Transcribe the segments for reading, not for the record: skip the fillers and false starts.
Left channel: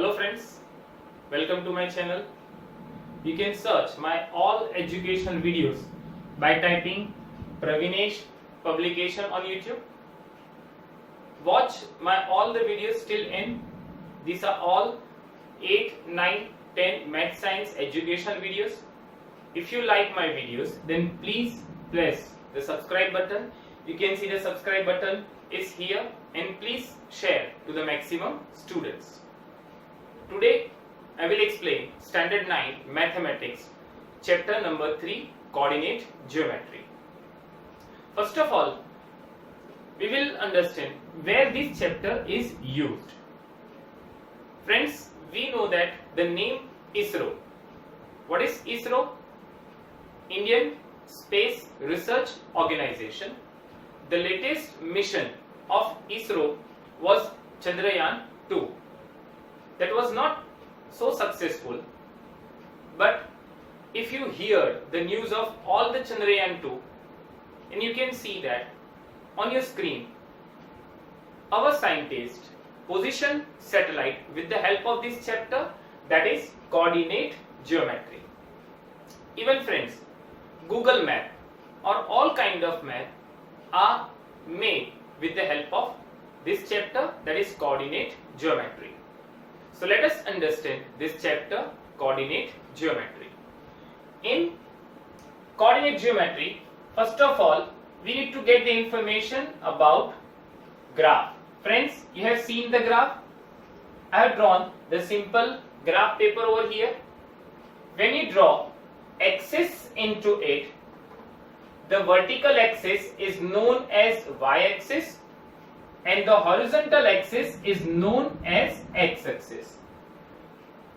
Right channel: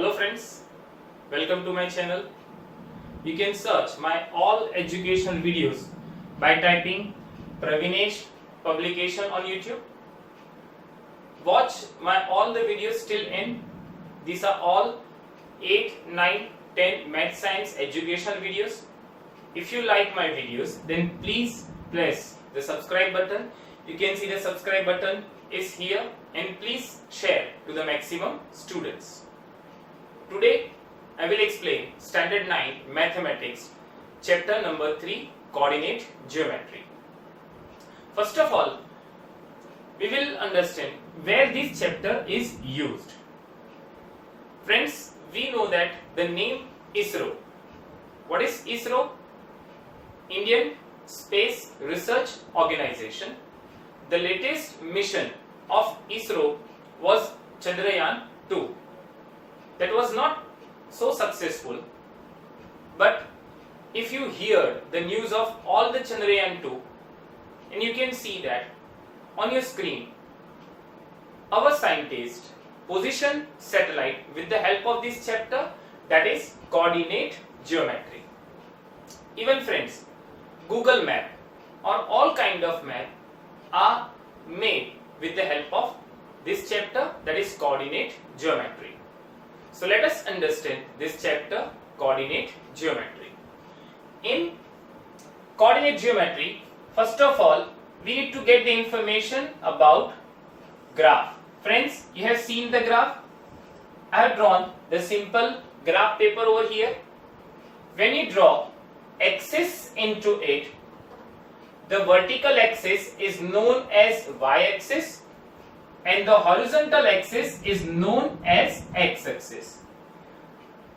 Hello friends, welcome to my channel. You can search my all educational videos by typing Pravinesh publication on YouTube. Watch my all the videos till end. These are all 8, 9, 10 math science educational videos. If you like my videos, then please press the subscribe button. You can see the subscribe button is here, and please share to the maximum students. Today I will explain standard 9 mathematics chapter number 3 coordinate geometry. First of all, we will understand where this chapter is used. Friends, we know that the name ISRO. What is ISRO? Indian Space Research Organization. The latest mission of ISRO was Chandrayaan 2. That was not so successful, but if you hear the news of all the Chandrayaan 2, and you can see that on your screen, our scientists position satellite with the help of this chapter, that is coordinate geometry. Even friends, Google Map or all kind of map are made with the help of this chapter, that is coordinate geometry. So let us understand this chapter, coordinate geometry. In coordinate geometry, first of all, we need to get the information about graph. Friends, you have seen the graph. I have drawn the simple graph paper over here. When you draw axis into it, the vertical axis is known as y-axis and the horizontal axis is known as x-axis.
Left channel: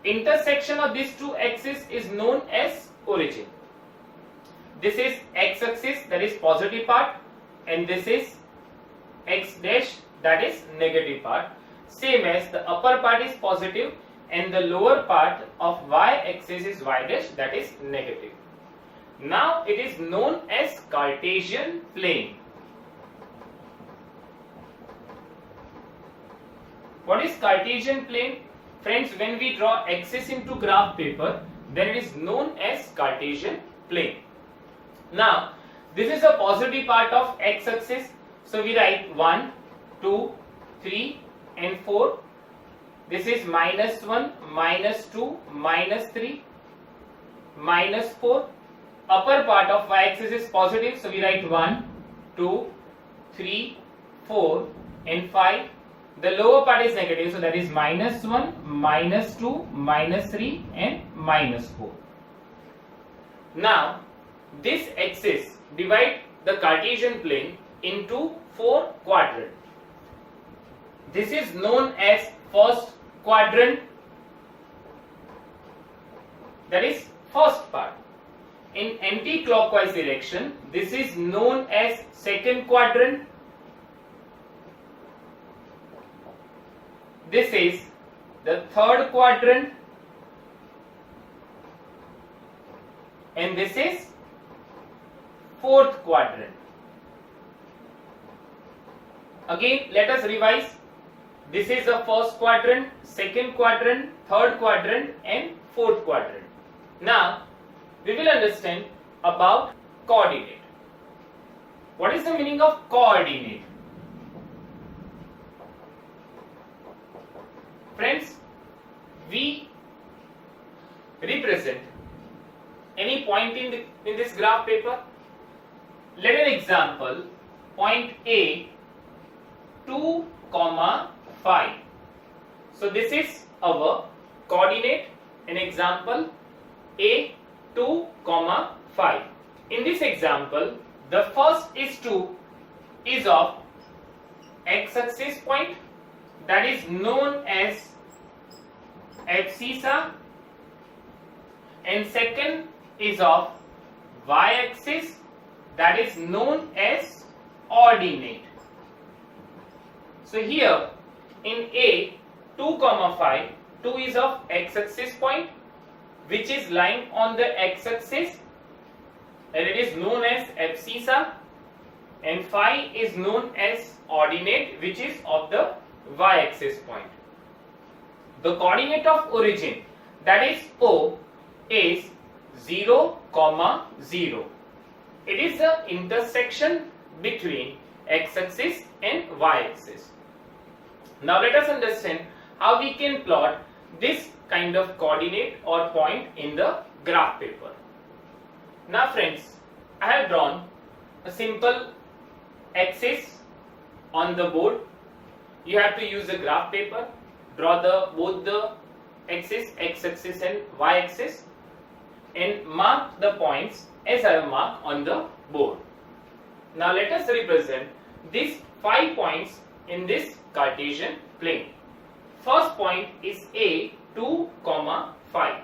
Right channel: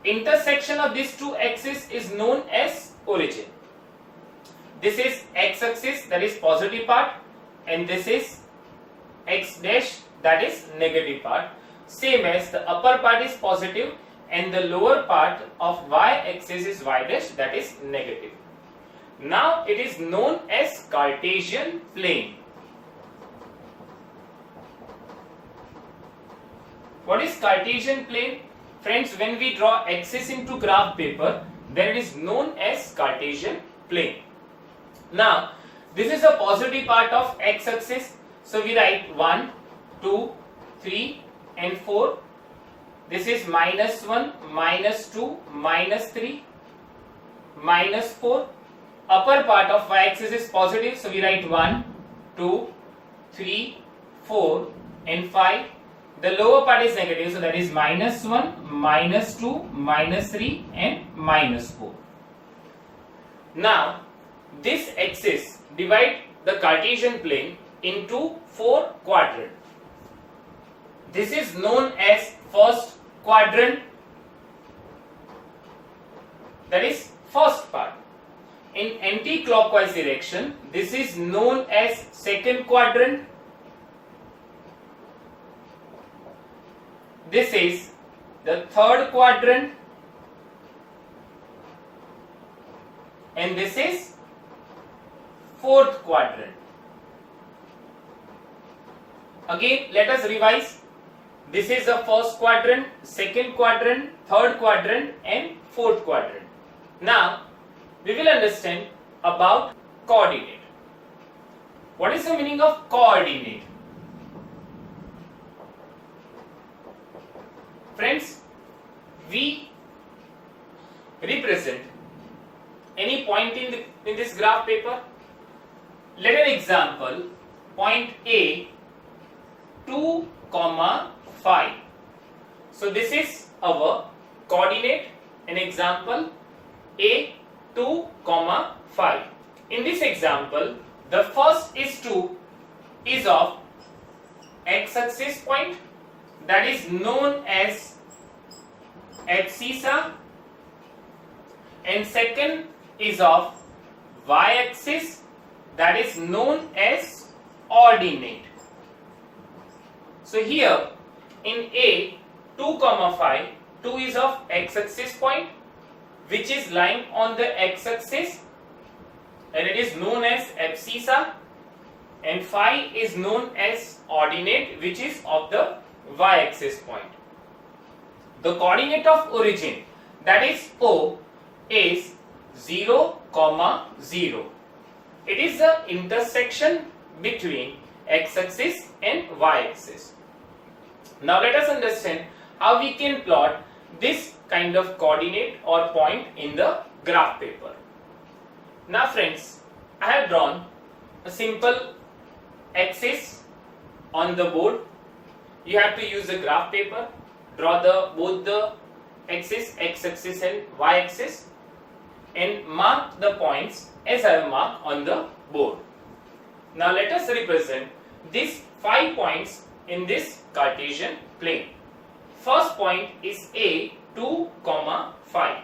Intersection of these two axes is known as origin. This is x-axis, that is positive part, and this is x dash, that is negative part. Same as the upper part is positive and the lower part of y-axis is y dash, that is negative. Now it is known as Cartesian plane. What is Cartesian plane? Friends, when we draw axis into graph paper, then it is known as Cartesian plane. Now, this is the positive part of x-axis. So we write 1, 2, 3 and 4. This is -1, -2, -3, -4. Upper part of y-axis is positive. So we write 1, 2, 3, 4 and 5. The lower part is negative, so that is -1, -2, -3 and -4. Now, this axis divide the Cartesian plane into 4 quadrants. This is known as first quadrant, that is first part. In anti-clockwise direction, this is known as second quadrant. This is the third quadrant, and this is fourth quadrant. Again, let us revise. This is the first quadrant, second quadrant, third quadrant and fourth quadrant. Now, we will understand about coordinate. What is the meaning of coordinate? Friends, we represent any point in this graph paper. Let an example, point A, 2, 5. So this is our coordinate, an example A, 2, 5. In this example, the first is 2 is of x-axis point, that is known as abscissa, and second is of y-axis, that is known as ordinate. So here in A 2, 5, 2 is of x-axis point which is lying on the x-axis and it is known as abscissa, and phi is known as ordinate which is of the y-axis point. the coordinate of origin, that is O, is 0, 0. It is the intersection between x-axis and y-axis. Now let us understand how we can plot this kind of coordinate or point in the graph paper. Now friends, I have drawn a simple axis on the board. You have to use the graph paper, draw both the axis, x-axis and y-axis, and mark the points as I have marked on the board. Now let us represent these 5 points in this Cartesian plane. First point is A 2, 5.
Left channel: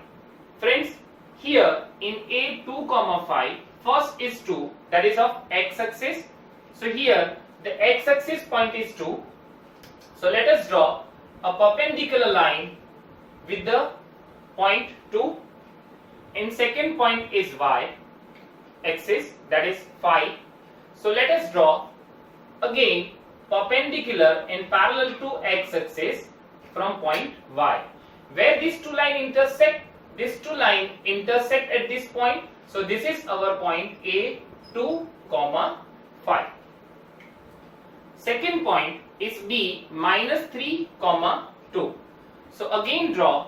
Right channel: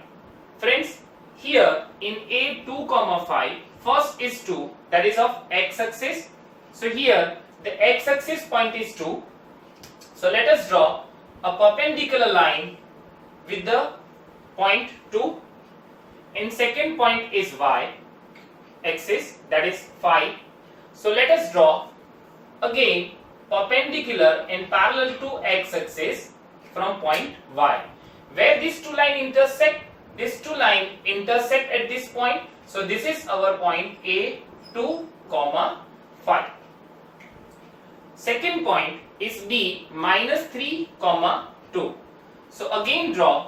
Friends, here in A 2, 5, first is 2, that is of x-axis. So here the x-axis point is 2. So let us draw a perpendicular line with the point 2. And second point is y-axis, that is 5. So let us draw again perpendicular and parallel to x-axis from point y. Where these two lines intersect, at this point. So this is our point A 2, 5. Second point is B minus 3, 2. So again draw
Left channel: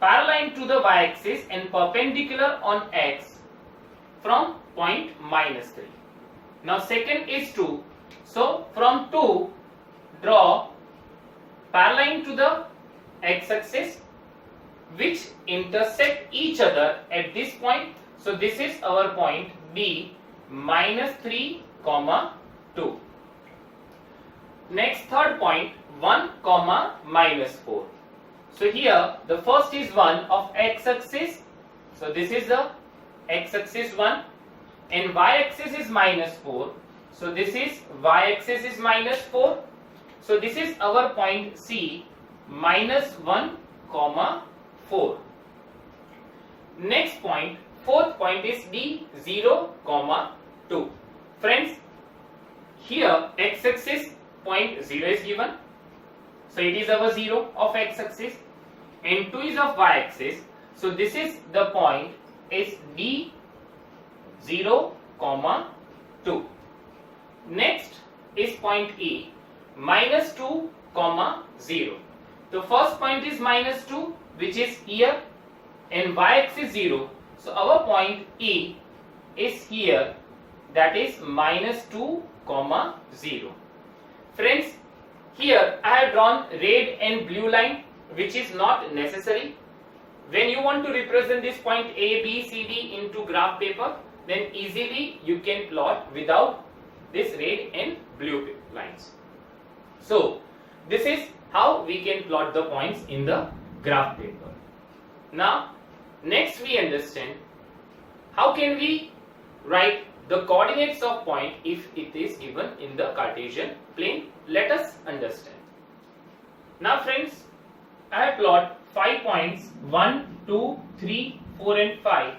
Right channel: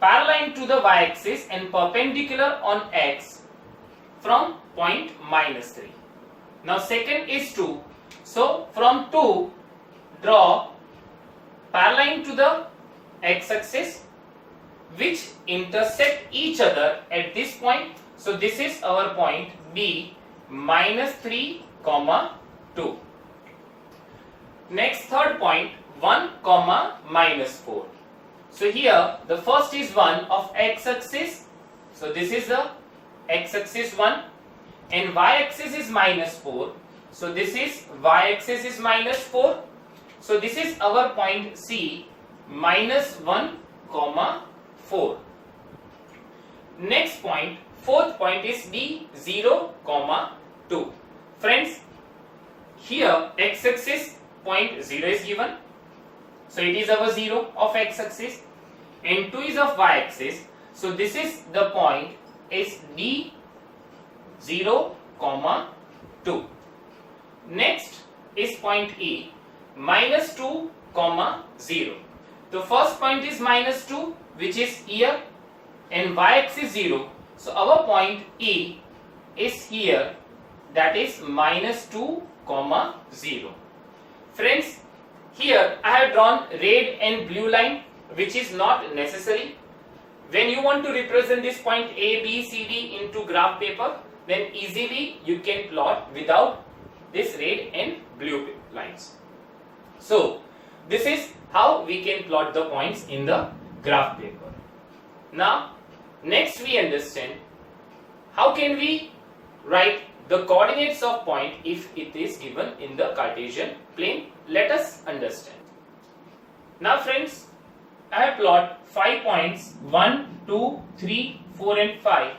parallel to the y-axis and perpendicular on x from point minus 3. Now second is 2. So from 2 draw parallel to the x-axis which intersect each other at this point. So this is our point B minus 3, 2. Next third point 1, minus 4. So here the first is 1 of x-axis. So this is the x-axis 1 and y-axis is minus 4. So this is y-axis is minus 4. So this is our point C minus 1, 4. Next point, fourth point is D 0, 2. Friends, here x-axis point 0 is given. So it is our 0 of x-axis and 2 is of y-axis. So this is the point is D 0, 2. Next is point E minus 2, 0. The first point is minus 2 which is here and y-axis 0. So our point E is here, that is minus 2, 0. Friends, here I have drawn red and blue line which is not necessary. When you want to represent this point A, B, C, D into graph paper, then easily you can plot without this red and blue lines. So this is how we can plot the points in the graph paper. Now next we understand how can we write the coordinates of point if it is given in the Cartesian plane. Let us understand. Now friends, I have plotted 5 points 1, 2, 3, 4 and 5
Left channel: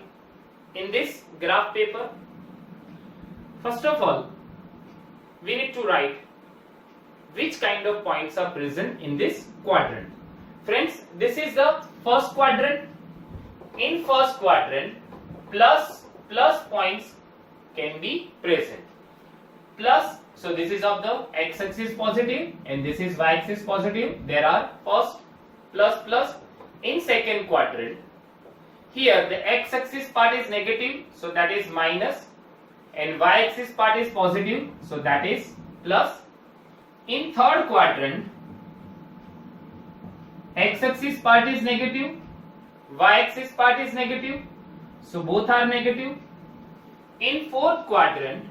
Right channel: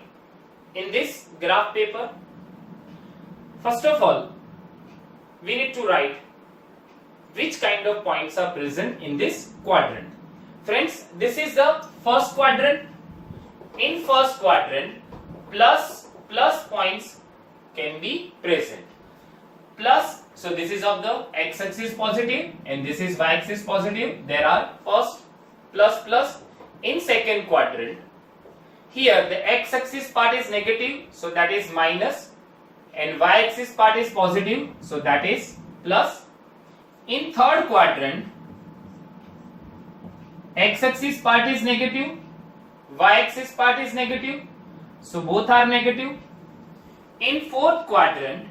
in this graph paper. First of all, we need to write which kind of points are present in this quadrant. Friends, this is the first quadrant. In first quadrant, plus points can be present. Plus, so this is of the x-axis positive and this is y-axis positive. There are first plus. In second quadrant, here the x-axis part is negative, so that is minus, and y-axis part is positive, so that is plus. In third quadrant, x-axis part is negative, y-axis part is negative, so both are negative. In fourth quadrant,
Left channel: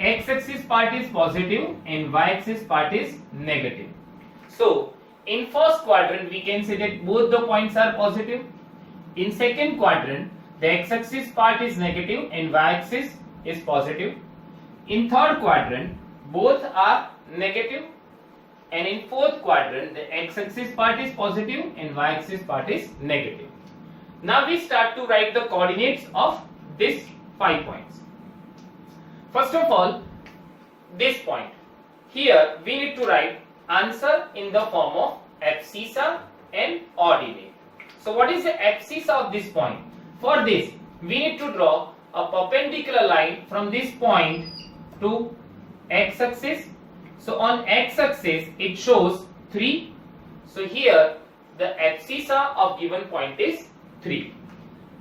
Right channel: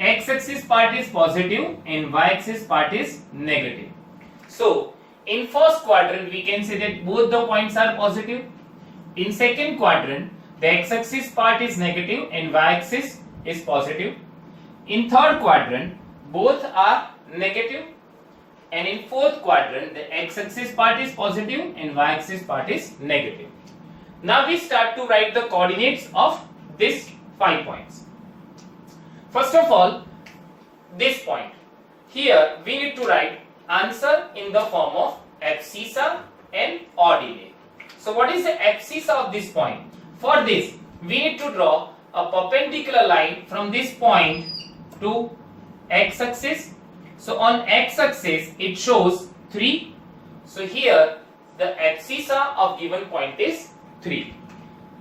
x-axis part is positive and y-axis part is negative. So in first quadrant we can say that both the points are positive. In second quadrant the x-axis part is negative and y-axis is positive. In third quadrant both are negative, and in fourth quadrant the x-axis part is positive and y-axis part is negative. Now we start to write the coordinates of these 5 points. First of all, this point here we need to write answer in the form of abscissa and ordinate. So what is the abscissa of this point? For this, we need to draw a perpendicular line from this point to x-axis. So on x-axis it shows 3. So here the abscissa of given point is 3.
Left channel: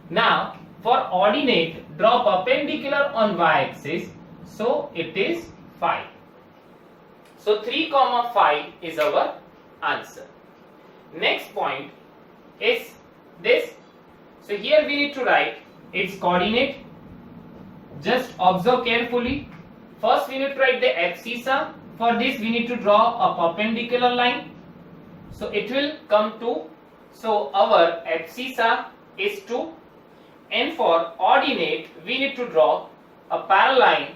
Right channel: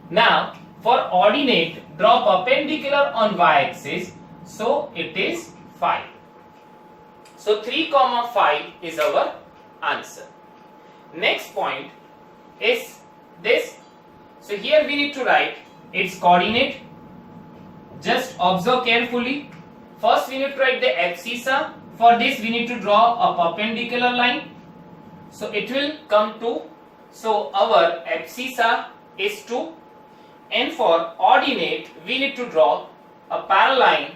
Now for ordinate, draw perpendicular on y-axis. So it is 5. So 3, 5 is our answer. Next point is this. So here we need to write its coordinate. Just observe carefully. First we need to write the abscissa. For this we need to draw a perpendicular line. So it will come to, so our abscissa is 2. And for ordinate we need to draw a parallel line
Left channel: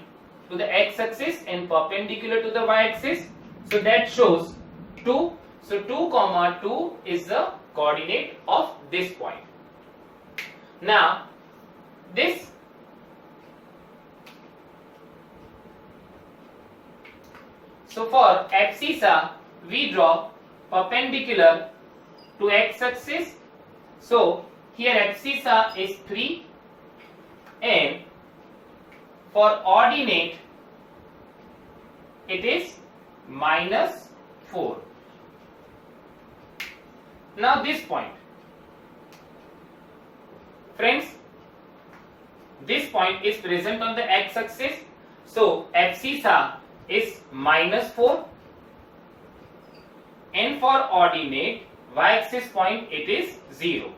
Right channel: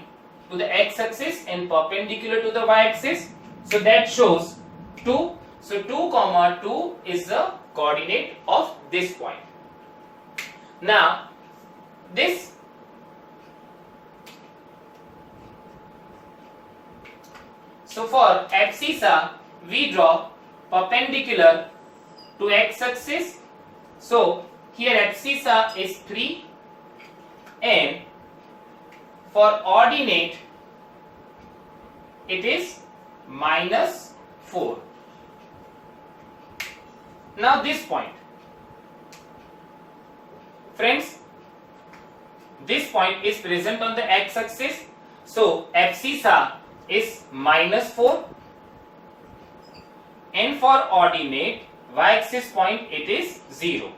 to the x-axis and perpendicular to the y-axis. So that shows 2. So 2, 2 is the coordinate of this point. Now this so for abscissa we draw perpendicular to x-axis. So here abscissa is 3 and for ordinate it is -4. Now this point, friends, this point is present on the x-axis. So abscissa is -4 and for ordinate y-axis point it is 0.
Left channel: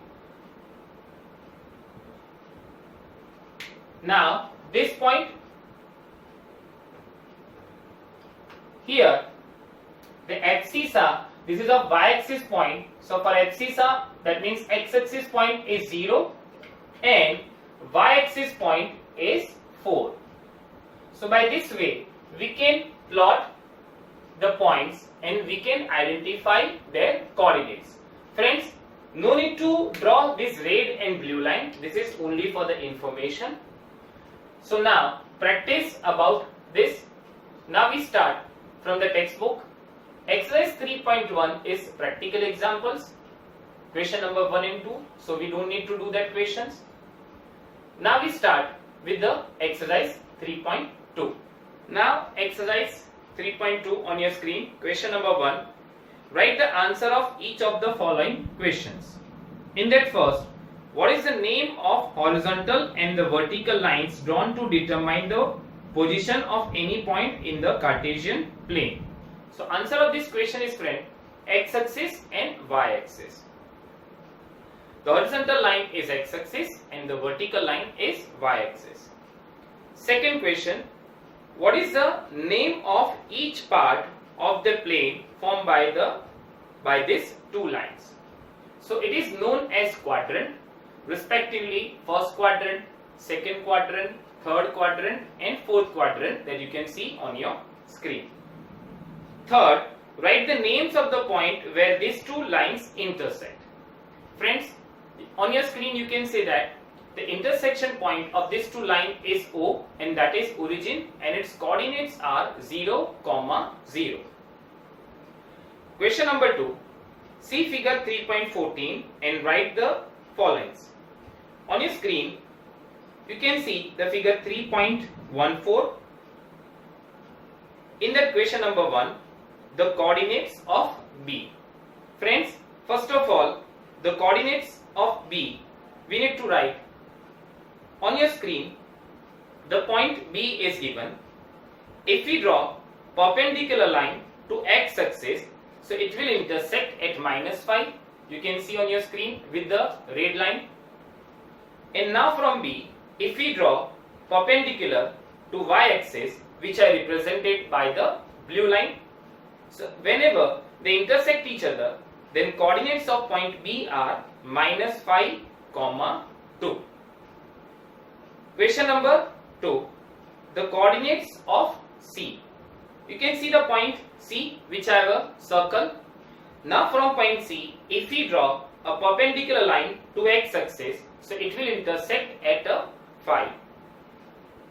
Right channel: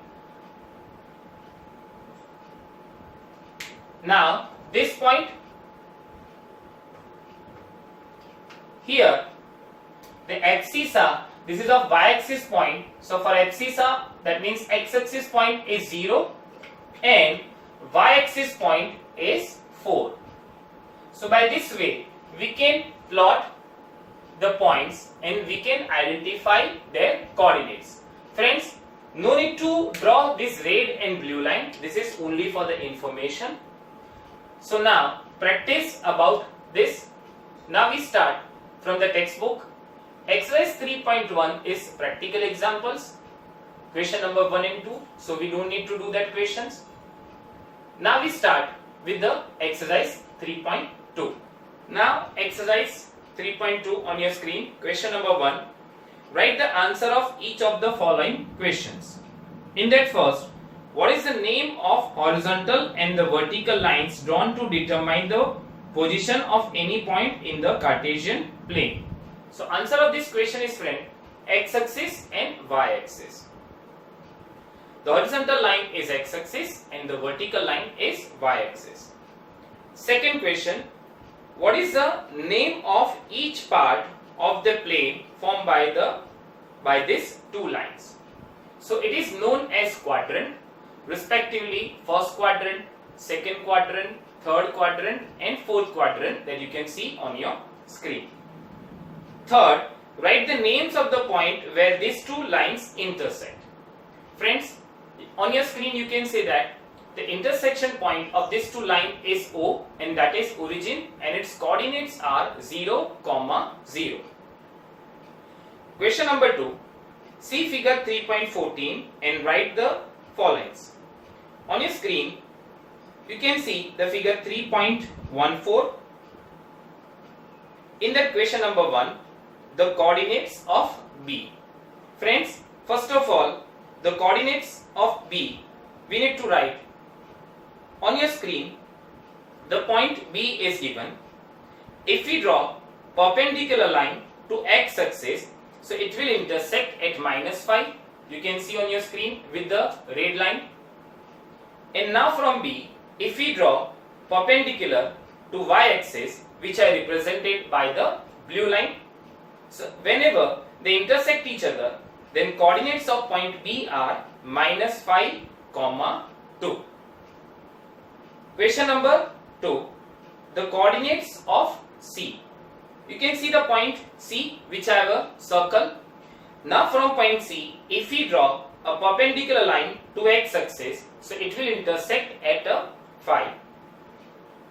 Now this point, here the abscissa, this is a y-axis point. So for abscissa, that means x-axis point is 0 and y-axis point is 4. So by this way we can plot the points and we can identify their coordinates. Friends, no need to draw this red and blue line. This is only for the information. So now practice about this. Now we start from the textbook. Exercise 3.1 is practical examples. Question number 1 and 2. So we don't need to do that questions. Now we start with the exercise 3.2. Now exercise 3.2 on your screen. Question number 1. Write the answer of each of the following questions. In that first, what is the name of horizontal and the vertical lines drawn to determine the position of any point in the Cartesian plane? So answer of this question is, friend, x-axis and y-axis. The horizontal line is x-axis and the vertical line is y-axis. Second question, what is the name of each part of the plane formed by these two lines? So it is known as quadrant, respectively first quadrant, second quadrant, third quadrant and fourth quadrant that you can see on your screen. Third, write the names of the point where these two lines intersect. Friends, on your screen you can see that the intersection point of these two lines is O and that is origin and its coordinates are 0, 0. Question number 2. See figure 3.14 and write the following. On your screen you can see the figure 3.14. In that question number 1, the coordinates of B. Friends, first of all, the coordinates of B we need to write. On your screen, the point B is given. If we draw perpendicular line to x-axis, so it will intersect at -5. You can see on your screen with the red line. And now from B, if we draw perpendicular to y-axis, which are represented by the blue line, so whenever they intersect each other, then coordinates of point B are -5, 2. Question number 2. The coordinates of C. You can see the point C, which I have a circle. Now from point C, if we draw a perpendicular line to x-axis, so it will intersect at a 5.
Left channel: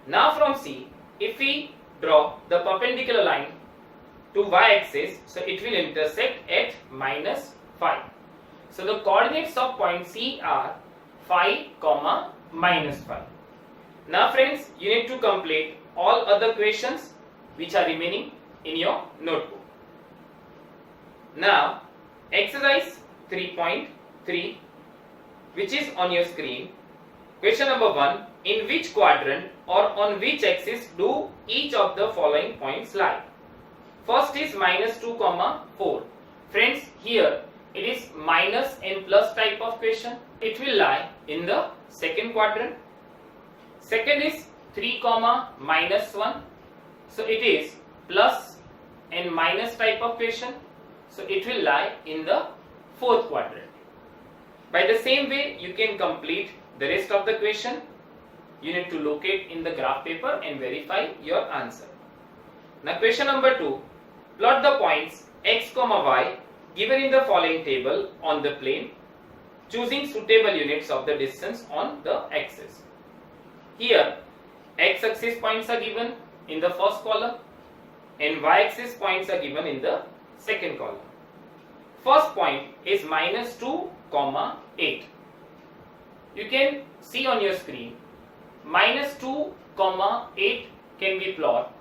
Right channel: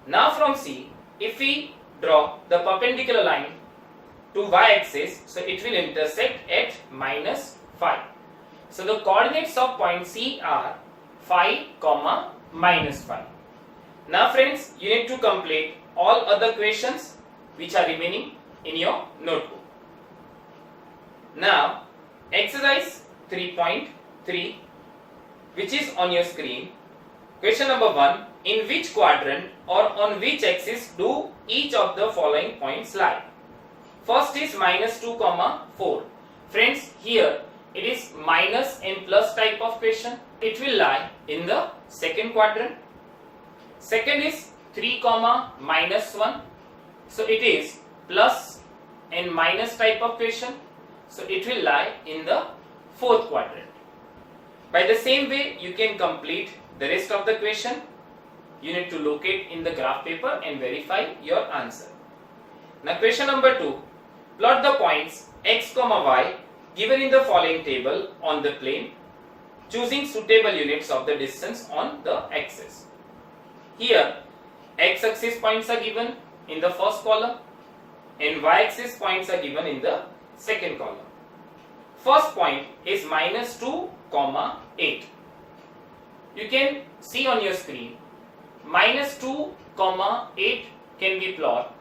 Now from C, if we draw the perpendicular line to y-axis, so it will intersect at minus 5. So the coordinates of point C are 5, minus 5. Now friends, you need to complete all other questions which are remaining in your notebook. Now, exercise 3.3, which is on your screen. Question number 1. In which quadrant or on which axis do each of the following points lie? First is minus 2, 4. Friends, here it is minus and plus type of question. It will lie in the second quadrant. Second is 3, minus 1. So it is plus and minus type of question. So it will lie in the fourth quadrant. By the same way, you can complete the rest of the question. You need to locate in the graph paper and verify your answer. Now question number 2. Plot the points x, y given in the following table on the plane, choosing suitable units of the distance on the axis. Here, x-axis points are given in the first column and y-axis points are given in the second column. First point is minus 2, 8. You can see on your screen, minus 2, 8 can be plotted.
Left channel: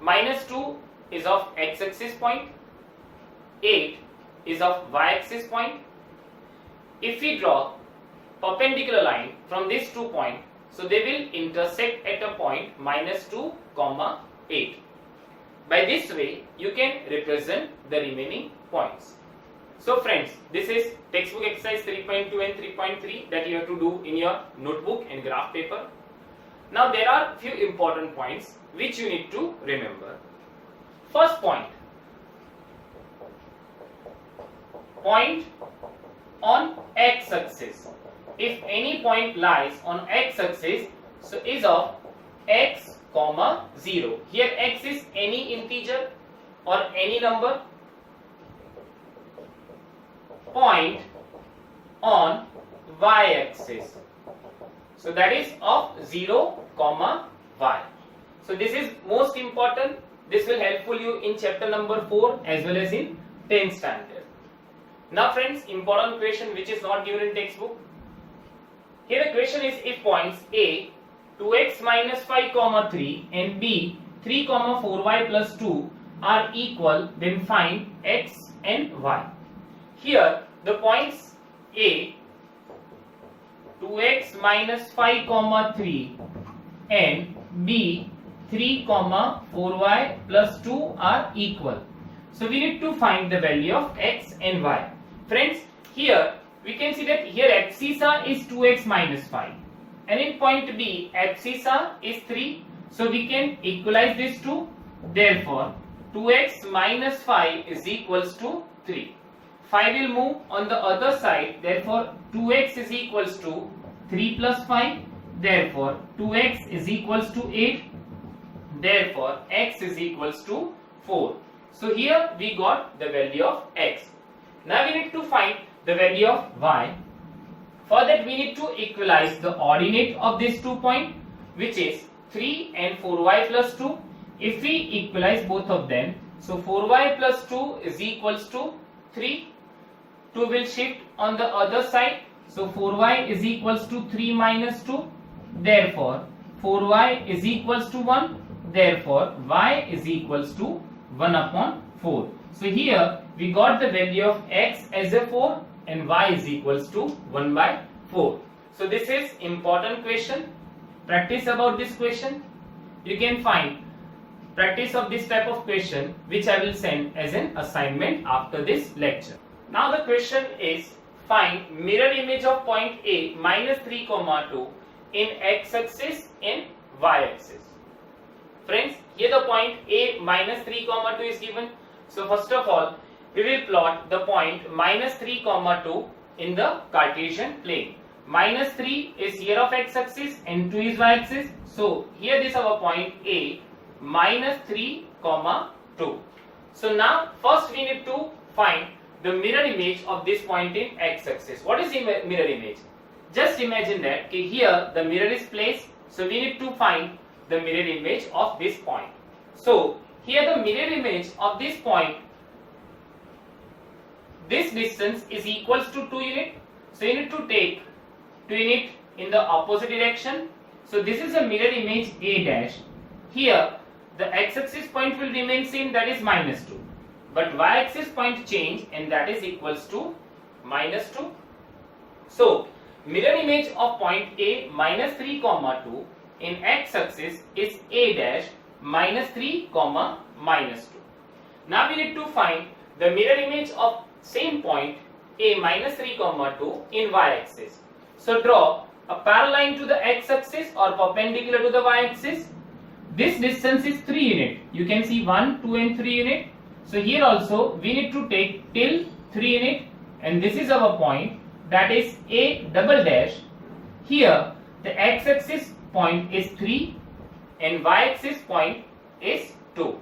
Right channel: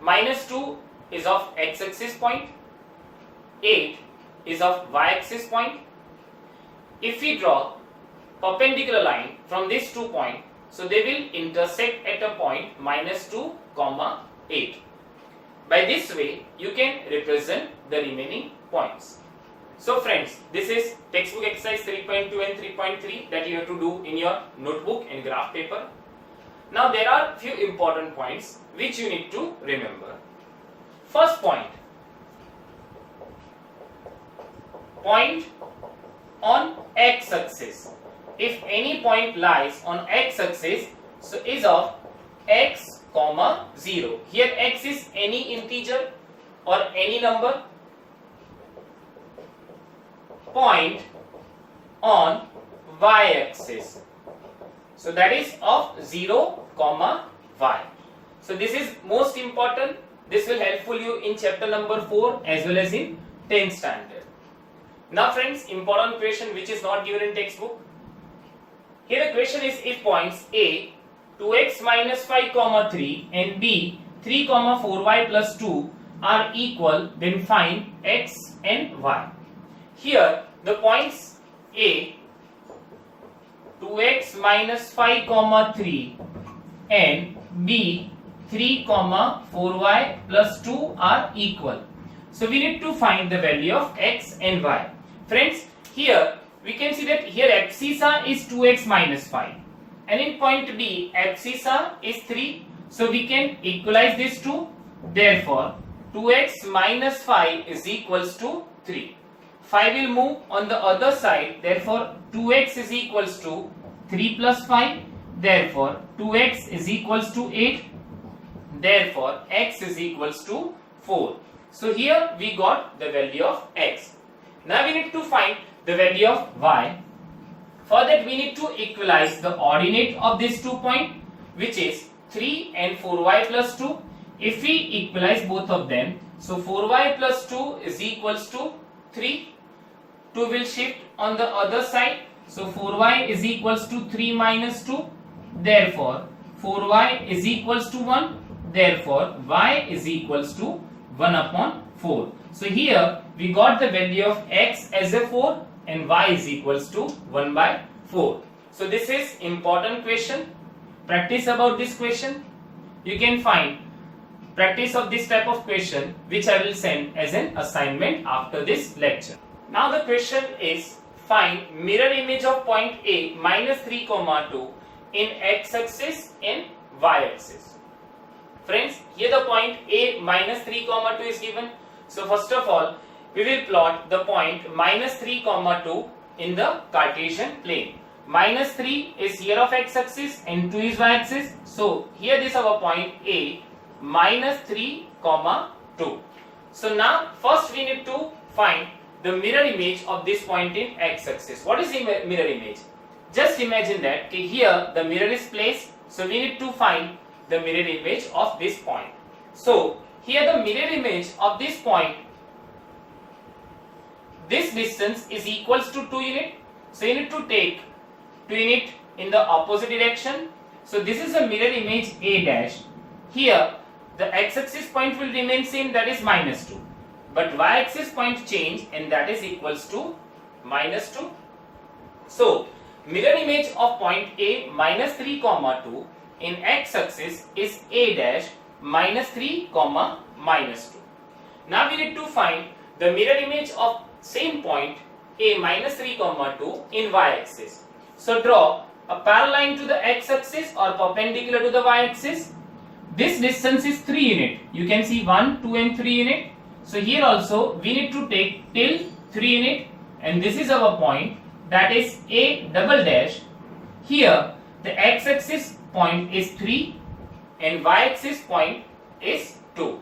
Minus 2 is of x-axis point, 8 is of y-axis point. If we draw perpendicular line from these 2 points, so they will intersect at a point minus 2, 8. By this way, you can represent the remaining points. So friends, this is textbook exercise 3.2 and 3.3 that you have to do in your notebook and graph paper. Now there are few important points which you need to remember. First point on x-axis. If any point lies on x-axis, so is of x, 0. Here x is any integer or any number. Point on y-axis. So that is of 0, y. So this is most important. This will helpful you in chapter number 4 as well as in 10th standard. Now friends, important question which is not given in textbook. Here the question is, if points A 2x minus 5, 3 and B 3, 4y plus 2 are equal, then find x and y. Here the points A 2x minus 5, 3 and B 3, 4y plus 2 are equal. So we need to find the value of x and y. Friends, here we can see that here abscissa is 2x minus 5 and in point B abscissa is 3. So we can equalize these two. Therefore 2x minus 5 is equals to 3. 5 will move on the other side. Therefore 2x is equals to 3 plus 5. Therefore 2x is equals to 8. Therefore x is equals to 4. So here we got the value of x. Now we need to find the value of y. For that we need to equalize the ordinate of these 2 points, which is 3 and 4y plus 2. If we equalize both of them, so 4y plus 2 is equals to 3. 2 will shift on the other side. So 4y is equals to 3 minus 2. Therefore 4y is equals to 1. Therefore y is equals to 1 upon 4. So here we got the value of x as a 4 and y is equals to 1 by 4. So this is important question. Practice about this question. You can find practice of this type of question which I will send as an assignment after this lecture. Now the question is, find mirror image of point A minus 3, 2 in x-axis and y-axis. Friends, here the point A minus 3, 2 is given. So first of all, we will plot the point minus 3, 2 in the Cartesian plane. Minus 3 is here of x-axis and 2 is y-axis. So here this our point A minus 3, 2. So now first we need to find the mirror image of this point in x-axis. What is the mirror image? Just imagine that here the mirror is placed. So we need to find the mirror image of this point. So here the mirror image of this point, this distance is equals to 2 unit. So you need to take 2 unit in the opposite direction. So this is a mirror image A dash. Here the x-axis point will remain same, that is -2. But y-axis point change, and that is equals to -2. So mirror image of point A -3, 2 in x-axis is A dash -3, -2. Now we need to find the mirror image of same point A -3, 2 in y-axis. So draw a parallel line to the x-axis or perpendicular to the y-axis. This distance is 3 unit. You can see 1, 2 and 3 unit. So here also we need to take till 3 unit, and this is our point, that is A double dash. Here the x-axis point is 3 and y-axis point is 2.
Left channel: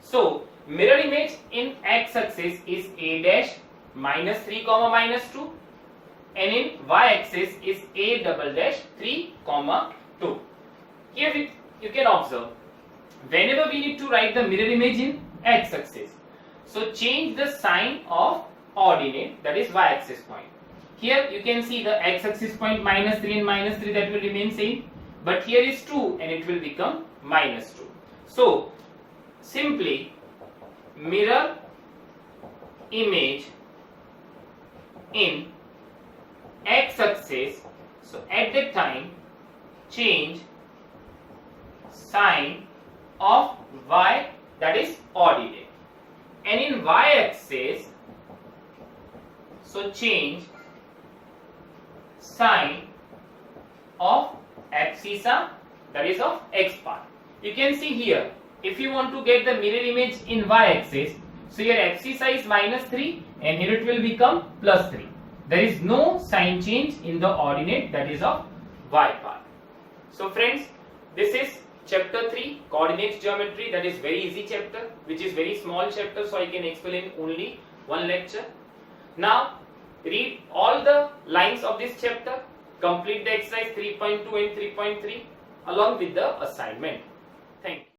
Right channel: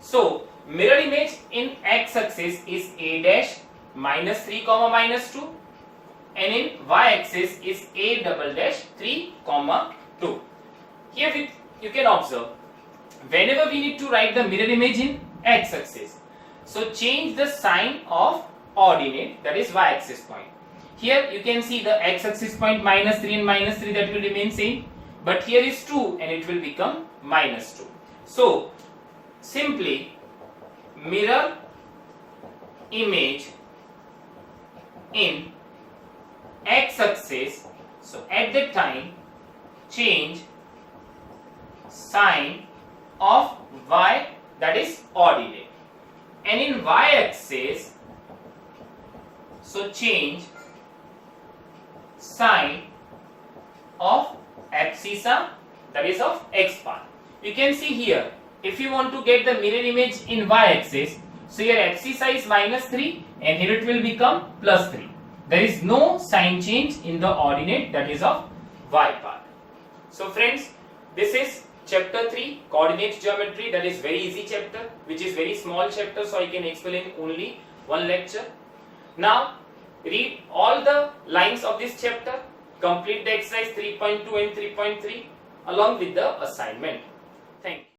So mirror image in x-axis is A dash -3, -2, and in y-axis is A double dash 3, 2. Here you can observe, whenever we need to write the mirror image in x-axis, so change the sign of ordinate, that is y-axis point. Here you can see the x-axis point -3 and -3, that will remain same, but here is 2 and it will become -2. So simply mirror image in x-axis, so at that time change sign of y, that is ordinate, and in y-axis, so change sign of abscissa, that is of x path. You can see here, if you want to get the mirror image in y-axis, so your abscissa is -3 and here it will become +3. There is no sign change in the ordinate, that is of y path. So friends, this is chapter 3, coordinate geometry. That is very easy chapter, which is very small chapter, so I can explain only one lecture. Now read all the lines of this chapter, complete the exercise 3.2 and 3.3 along with the assignment. Thank you.